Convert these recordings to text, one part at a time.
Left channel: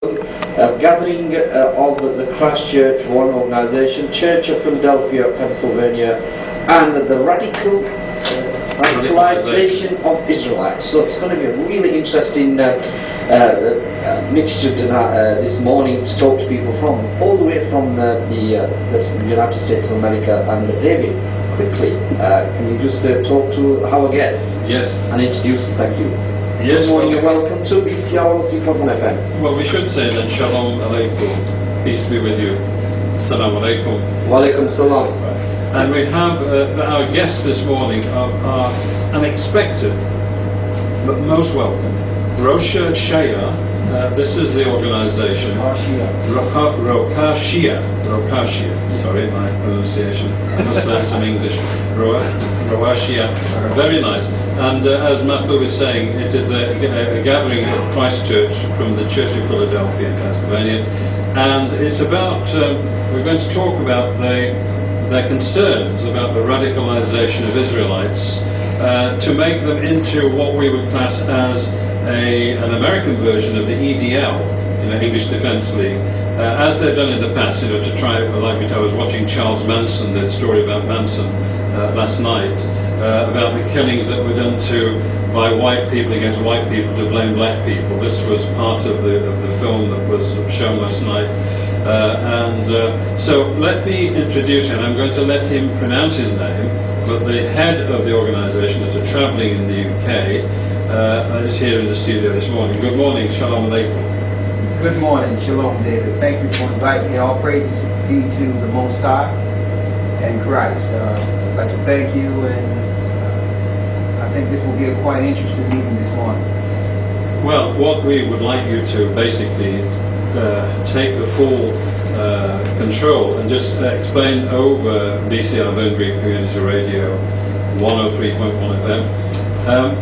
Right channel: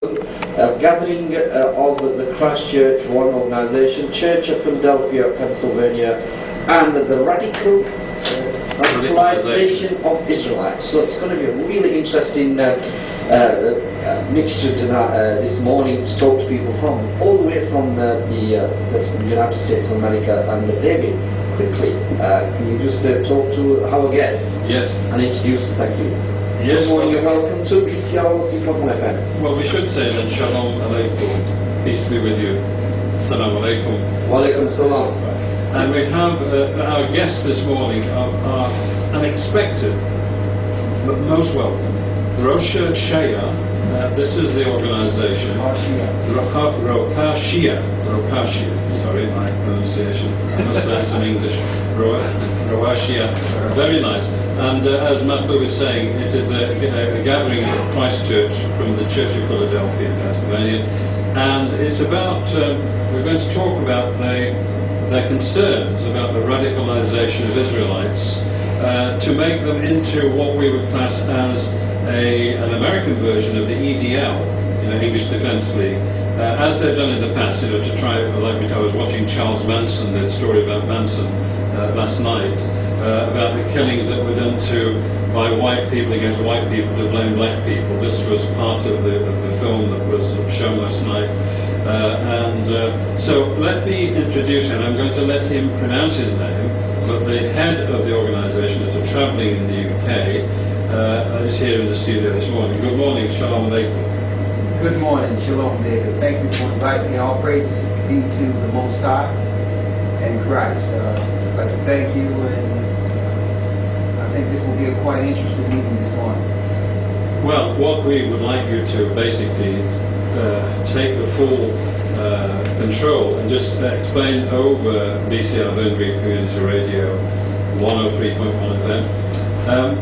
Gathering of the Christ Church, one organization, Church of Philadelphia, Pennsylvania, and the radicalization of Israelites. So it's going to be a really interesting mixture this morning to talk to people from all the way from the United States of America. And David, quickly, can you just talk to our guests? Yes. And introduce them? Thank you. Yes. Good morning and welcome to BCR 3.1 FM. Well, we should say then, Shalom Aleichem, peace be with you. Salam Alaikum. Wa alaikum salam. And we have our guests this morning are unexpected, but most welcome. Rosha Shaya, this is the organization. Rokashia. Sorry, my pronunciation. I must learn some English. Roashia. Very nice. And as Matthew was saying, it is a gathering of Christ Church from the Church of Philadelphia in Pennsylvania. And it's about, we're going to talk about their concerns about the radicalization of Israelites to make them into what we would class as an American version of the EDL, English Defense League, as they've done in the past, to try, like I was watching Charles Manson, the story about Manson last night, about the killings that were done by white people against white people to blame black people. This was part of the film that was shown last night. So let me introduce him. I'm going to let him pronounce his name, but the head of the organisation that are travelling in the UK is here in the studio this morning. Good morning, Shalom Aleichem. Good morning, Shalom David. Thank you for inviting me. All praises be to the Most High and Christ. I'd like to thank you, and I think this will be a quite interesting meeting this morning. Well, what we would like you to basically take the full control and just explain over BCR Boundary Community Radio 103.1 FM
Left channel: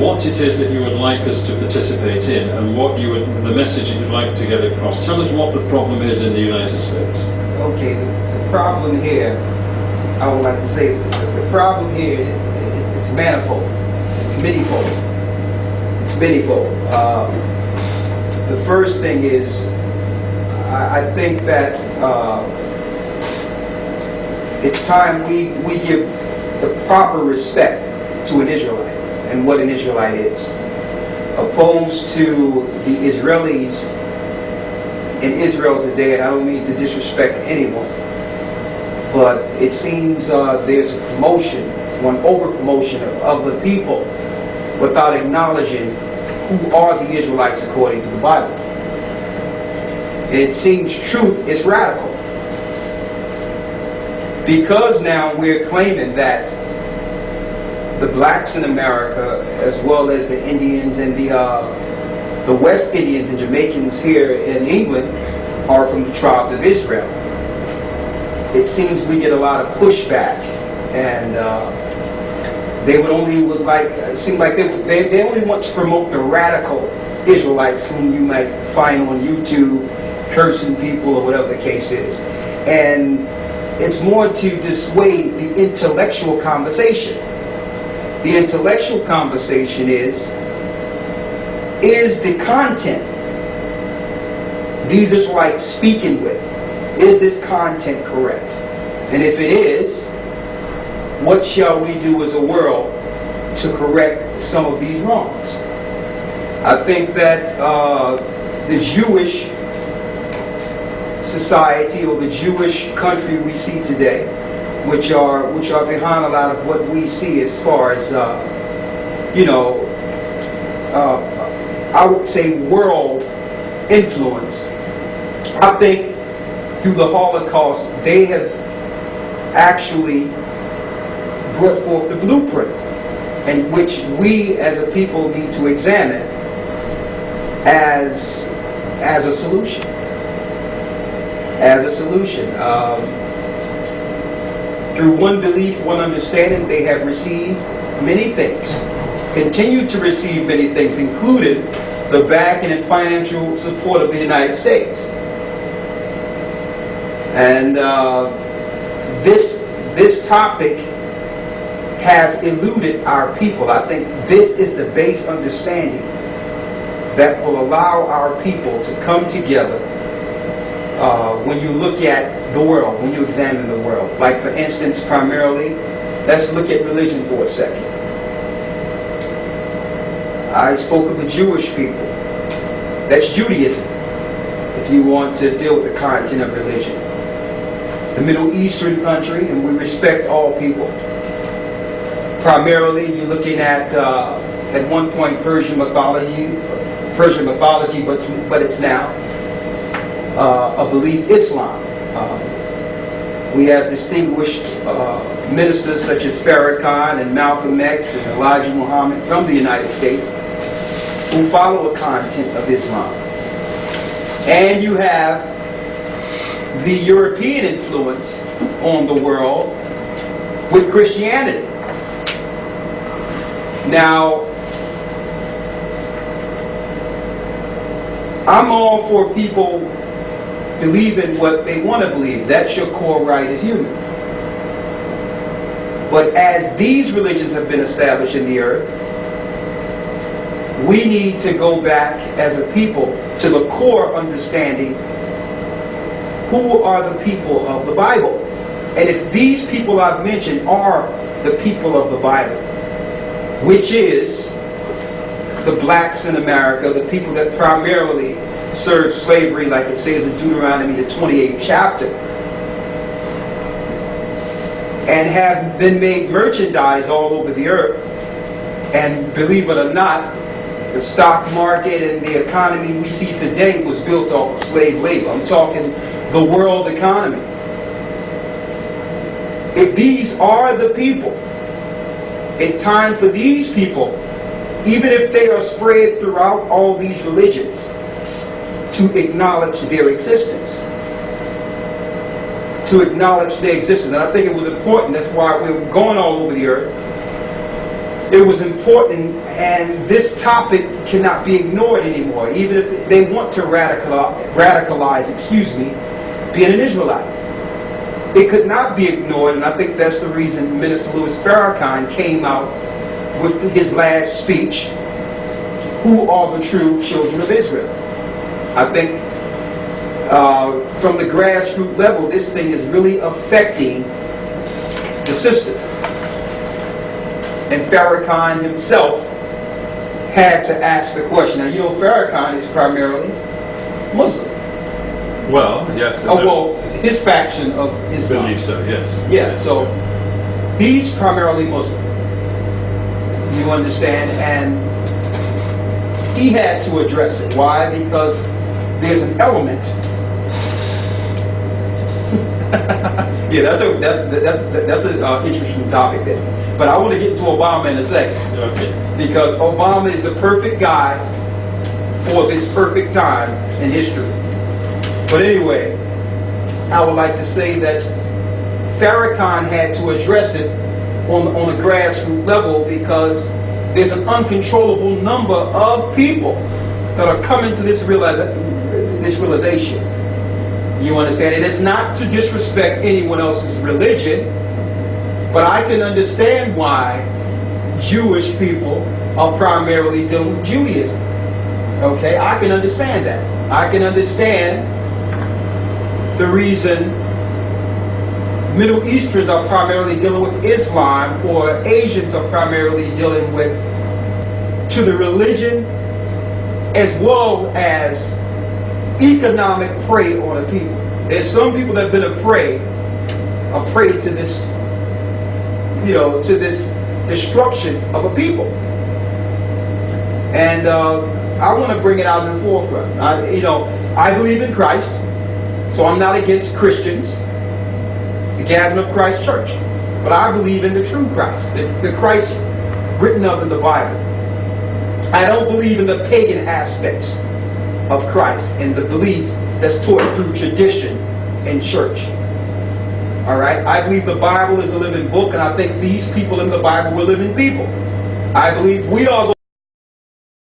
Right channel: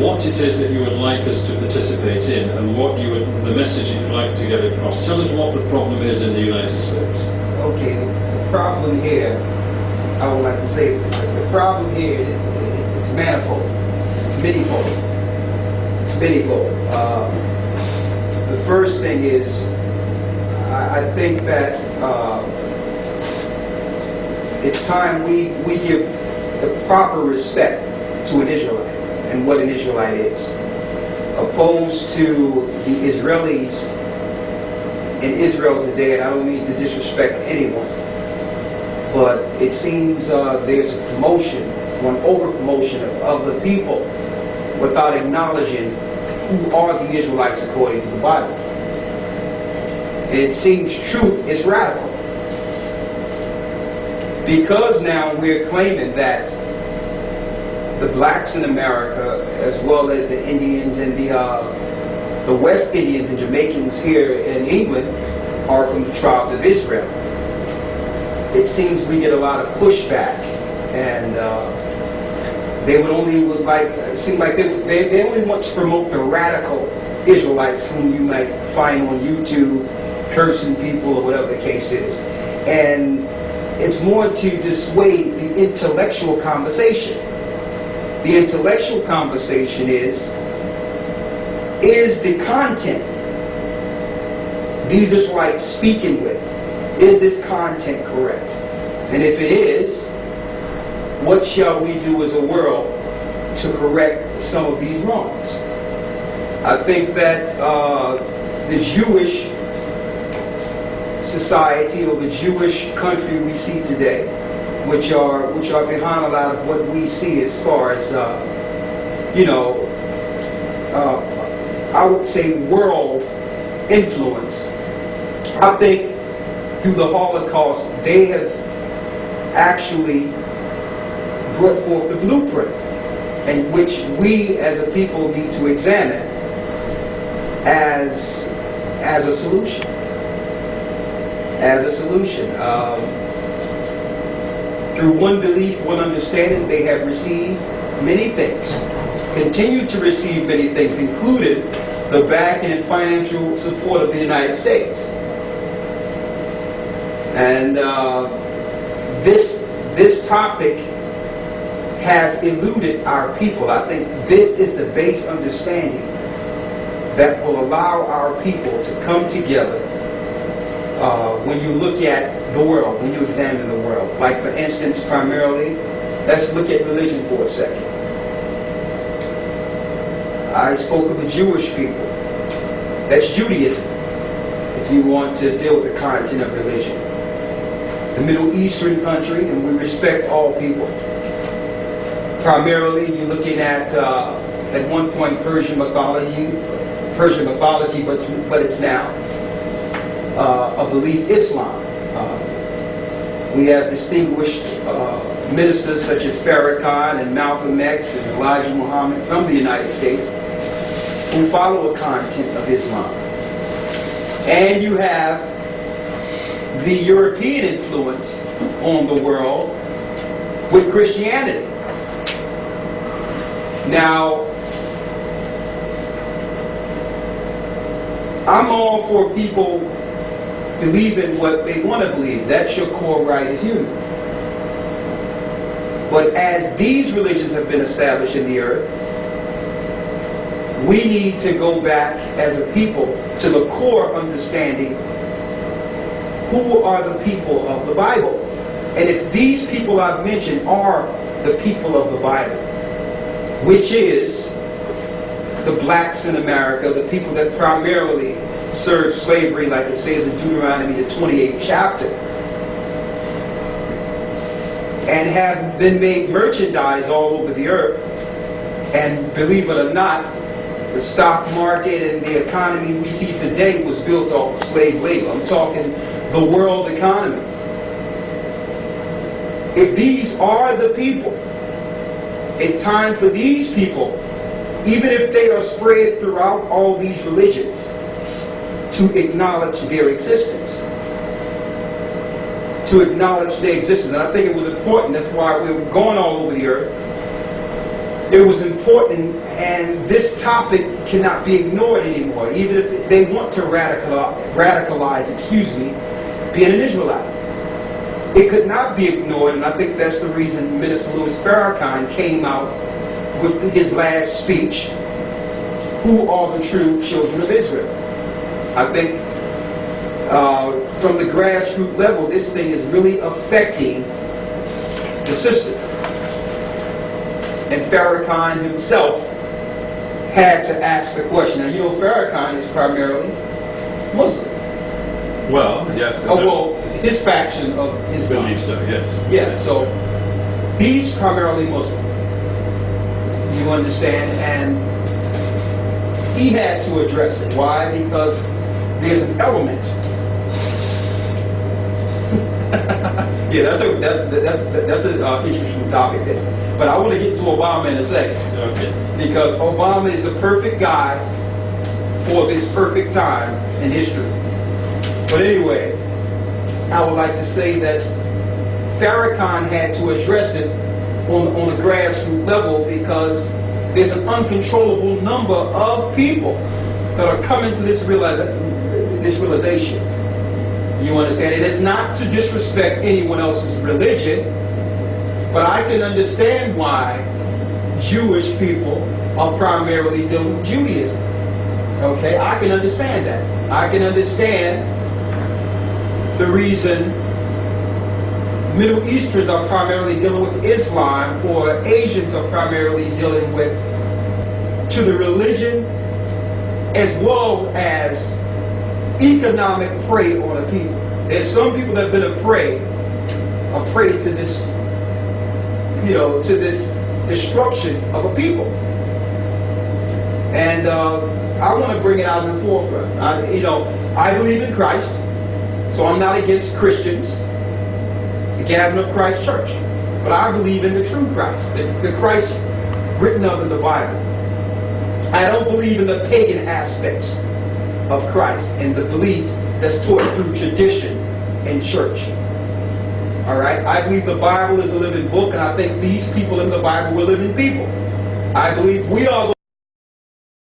what it is that you would like us to participate in and what the message that you'd like to get across. Tell us what the problem is in the United States. Okay, the problem here, I would like to say, the problem here, it's manifold. It's manyfold. It's manyfold. The first thing is, I think that it's time we give the proper respect to an Israelite and what an Israelite is, opposed to the Israelis in Israel today. And I don't mean to disrespect anyone, but it seems there's a promotion, one over-promotion of the people without acknowledging who are the Israelites according to the Bible. It seems truth is radical, because now we're claiming that the blacks in America, as well as the Indians and the West Indians and Jamaicans here in England, are from the tribes of Israel. It seems we get a lot of pushback, and they would it seems like they only want to promote the radical Israelites whom you might find on YouTube cursing people or whatever the case is. And it's more to dissuade the intellectual conversation. The intellectual conversation is the content these Israelites speaking with, is this content correct? And if it is, what shall we do as a world to correct some of these wrongs? I think that the Jewish society, or the Jewish country we see today, which are behind a lot of what we see as far as I would say world influence. I think through the Holocaust they have actually brought forth the blueprint, and which we as a people need to examine as a solution. Through one belief, one understanding, they have received many things, continue to receive many things, including the backing and financial support of the United States. And this topic have eluded our people. I think this is the base understanding that will allow our people to come together when you look at the world, when you examine the world. Like, for instance, primarily, let's look at religion for a second. I spoke of the Jewish people. That's Judaism, if you want to deal with the content of religion. The Middle Eastern country, and we respect all people. Primarily, you're looking at one point, Persian mythology, but it's now a belief Islam. We have distinguished ministers such as Farrakhan and Malcolm X and Elijah Muhammad from the United States who follow a content of Islam. And you have the European influence on the world with Christianity. Now, I'm all for people believing what they want to believe. That's your core right as human. But as these religions have been established in the earth, we need to go back as a people to the core understanding who are the people of the Bible. And if these people I've mentioned are the people of the Bible, which is the blacks in America, the people that primarily served slavery, like it says in Deuteronomy, the 28th chapter, and have been made merchandise all over the earth. And believe it or not, the stock market and the economy we see today was built off of slave labor. I'm talking the world economy. If these are the people, it's time for these people, even if they are spread throughout all these religions, to acknowledge their existence. To acknowledge their existence. And I think it was important, that's why we were going all over the earth. It was important, and this topic cannot be ignored anymore, even if they want to radicalize, being an Israelite. It could not be ignored, and I think that's the reason Minister Louis Farrakhan came out with his last speech, who are the true children of Israel. I think from the grassroots level, this thing is really affecting the system. And Farrakhan himself had to ask the question. Now, you know, Farrakhan is primarily Muslim. Well, yes. Well, his faction of Islam. I believe so, yes. Yeah, so he's primarily Muslim. You understand? And he had to address it. Why? Because there's an element. Yeah, that's an interesting topic there. But I want to get to Obama in a second. Okay. Because Obama is the perfect guy for this perfect time in history. But anyway, I would like to say that Farrakhan had to address it on a grassroots level because there's an uncontrollable number of people that are coming to this realization. You understand? It is not to disrespect anyone else's religion, but I can understand why Jewish people are primarily dealing with Judaism. Okay? I can understand that. I can understand the reason Middle Easterns are primarily dealing with Islam, or Asians are primarily dealing with to the religion as well as economic prey on the people. There's some people that have been a prey to this, to this destruction of a people. And I want to bring it out in the forefront. I believe in Christ, so I'm not against Christians, the Gathering of Christ Church. But I believe in the true Christ, the Christ written of in the Bible. I don't believe in the pagan aspects of Christ and the belief that's taught through tradition and church. All right? I believe the Bible is a living book, and I think these people in the Bible were living people. I believe we are the